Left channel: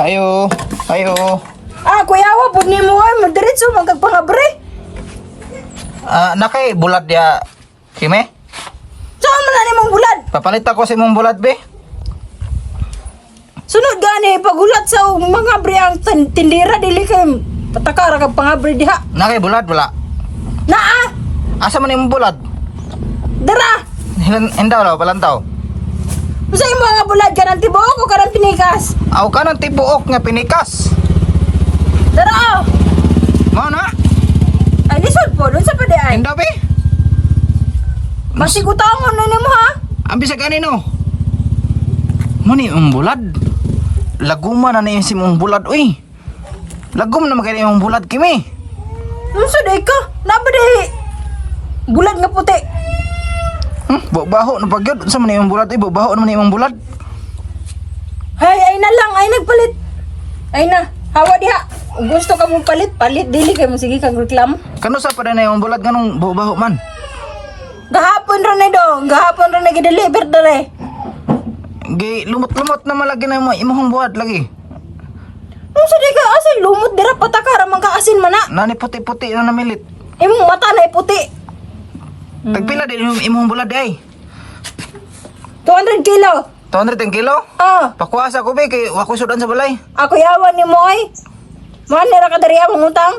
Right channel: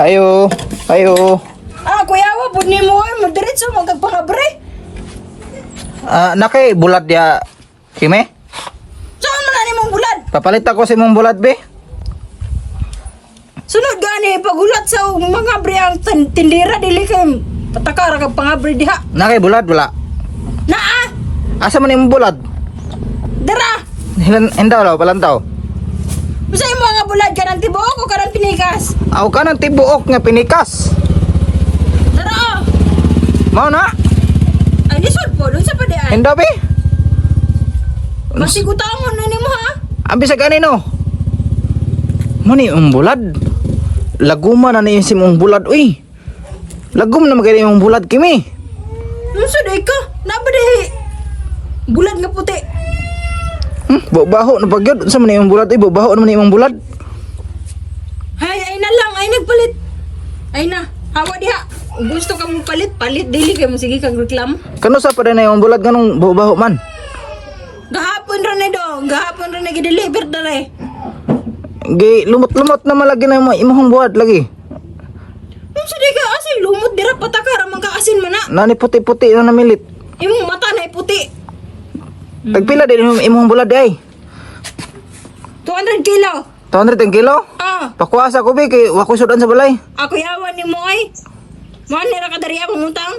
Ayo. Ayo. Kuya wa pud nimo ay mo diretso magpagabre. Naki bulad ya. Kime? Saan man na nimong bulad? Papalit ako sa imong bulad be. Sunod gani pagulat sa mga bre ang tindira dili kay patakara kag pangabre diha. Naki bulad wala. Naa, Asa man imong bulad? dara. Hinda law palantaw. Usa imo nga bulad kanang tibuok o kanang pinikas? Aw ka nang tibuok nga pinikas. Dara. Mao na? Ay lisod po, dun sa pa di ay. Hinda be. Masigutangon na nimo ha. Ambi sa ganino. Mani ang bulad. Laguma na ni imong bulad uy. Lagum na magay imong bulad kimi. Unsa day ka? Nabadi bulad nga puti. Baho na pagyud sa man imong bulad uy, baho na imong bulad. Hay, ay na lang, ay nagpalit. Ay na, hawa diha. Kung gusto ka mong palit, palit dili kay mo sige kag reklamo. Kuno sa pa din imong bulad ganong baho man. Gahapon ra na do, gahapon ra na gi-deliver dere. Gi lumot-lumot na malagi na imong buhat lagi. Unsa day ka asay lumot dira patakara man ka asin man na. Nani puti-puti na namilit. Imong mata na puti. Nagpila din imong bulad ay. 200 kilo. 200 ang kilo? Ah, Pakuasa ko bi kay wa ko sudan sa balay. ako yawan ni mo ay. Man nira ka diri among utang.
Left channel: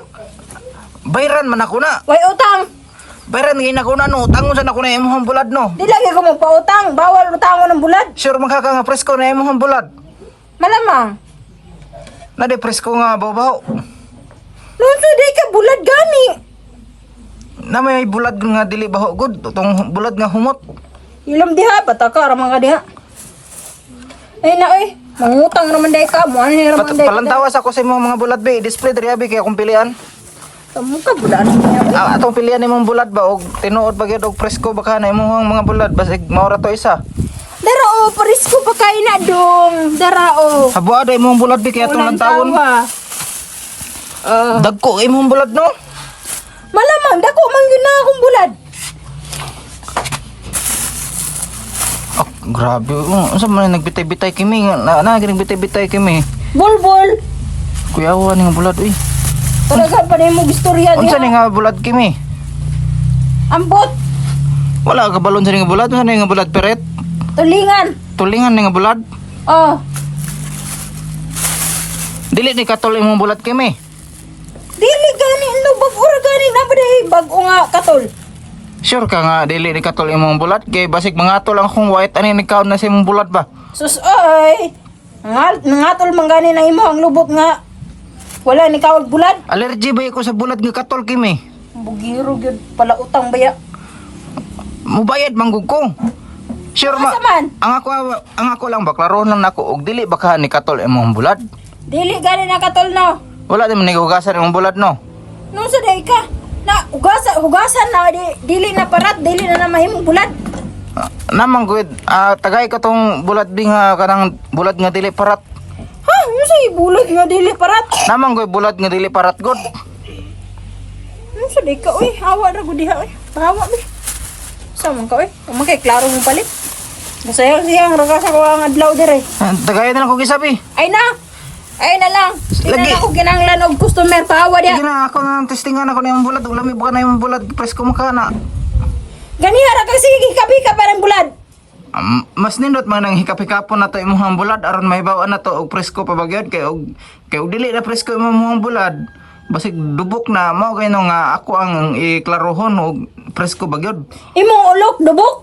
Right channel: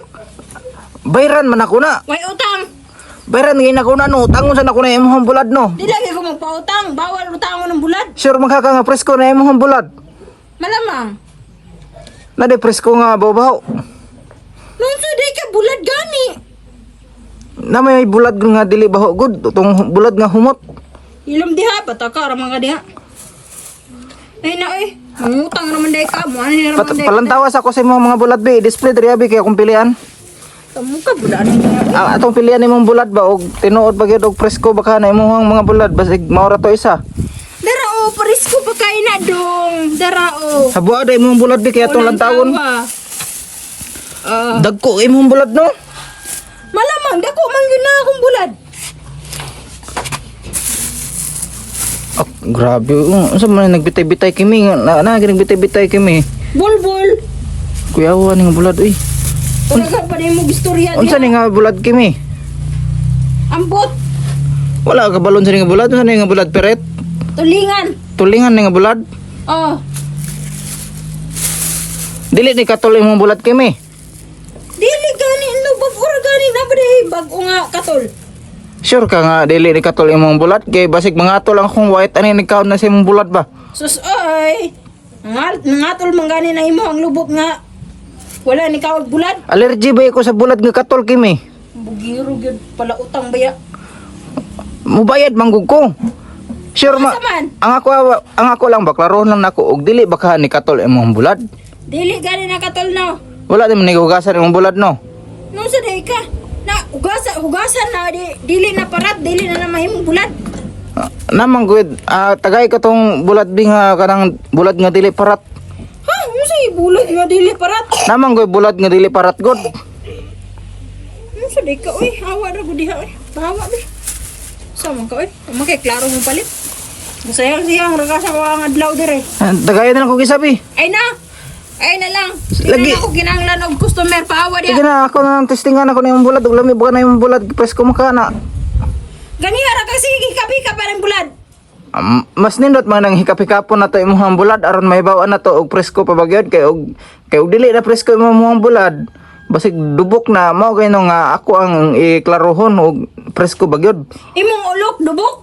Bayran man ako na. Way utang. Bayran ngin ako na no. Tangon sa na ko na imong bulad no. Di lagi ko magpautang, bawal utangon ng bulad. Sure magkaka nga presko na imong bulad. Malamang. Na de presko nga baw-baw. Nunso day ka bulad gani. Na may bulad nga dili baho good. Tong bulad nga humot. Ilom diha, patakara man ka diha. Ay na eh, mangutang naman day ka mo. Ano naman day ka? Palantawas ako sa imong mga bulad bi. Display diri abi kay akong pilian. Tamo ka bulan niya. Atong pilian imong bulad ba og tinuod ba gyud og presko baka na imong mga bulad basig maura to isa. Dara o, parisko pa kayo na dong. Dara o. Sa buada imong bulad di kay atong Walang lantaon. tawa. Dagko imong bulad no. Malamang, dako man yun na akong bulad. Grabe, unsa man nagbitay-bitay kimi na nagbitay-bitay kimi. Bulbul. Kuyawan ng bulad eh. Talaga pa na yung istorya Unsa ni diha. nga bulad kimi? Ambot. Wala ka balon sa ni nga bulad, unsa ni nga bulad peret? Tulingan. Tulingan ni nga bulad. Oh. Dili ni katol imong bulad kimi. Dili gani. Ano ba? Ura gani na ba dahi? Bago nga katol. Sure ka nga dili ni katol imong bulad kay basig mga atol ang akong white ani nagkaon na sa imong bulad ba? Sus, oy. Nangatol man gani na imo ang lubot nga. Wala ni kawag bulad. Allergy ba ko sa bulad nga katol kimi? Bugiro gyud pala utang baya. Mubayad manggug ko. Sure Asa man? ang ako lang ba klaro nang nako og dili baka ni katol imong bulad. Dili gani na katol no. Wala naman nigugasan imong bulad no. Nung sa day ka. Na hugasan na dili na parat, dili na mahimong bulad. Namang good, tagay ko tong bulad bi nga kanang bulad nga dili parat. Ha, nung sa bulad nga dili parat. Namang good bulad nga dili parat god. Nung sa day ka, uy, hawa na gud diha, uy. Hawa bi. Sama ka, uy. Umakay klaro mo palit. Masayang siyang ragasa ko ang adlaw dire. Tagay na ako gisabi. Ay na. Ay na lang. Di Lagi. na ako kinanglan og customer pahawa Sige diha. na ako nang testingan ako na yung bulad ug lami buka na yung bulad pres ko makana. Ganiha ra kasi kapi ka pa ng bulad. Mas nindot man nang hikap-hikapon na to imong bulad aron mahibawaan na to og presko pa bagyod kay og dili na presko imong bulad. Basig dubok na mao kay nga ako ang iklarohon og presko bagyod. Imong ulok dubok.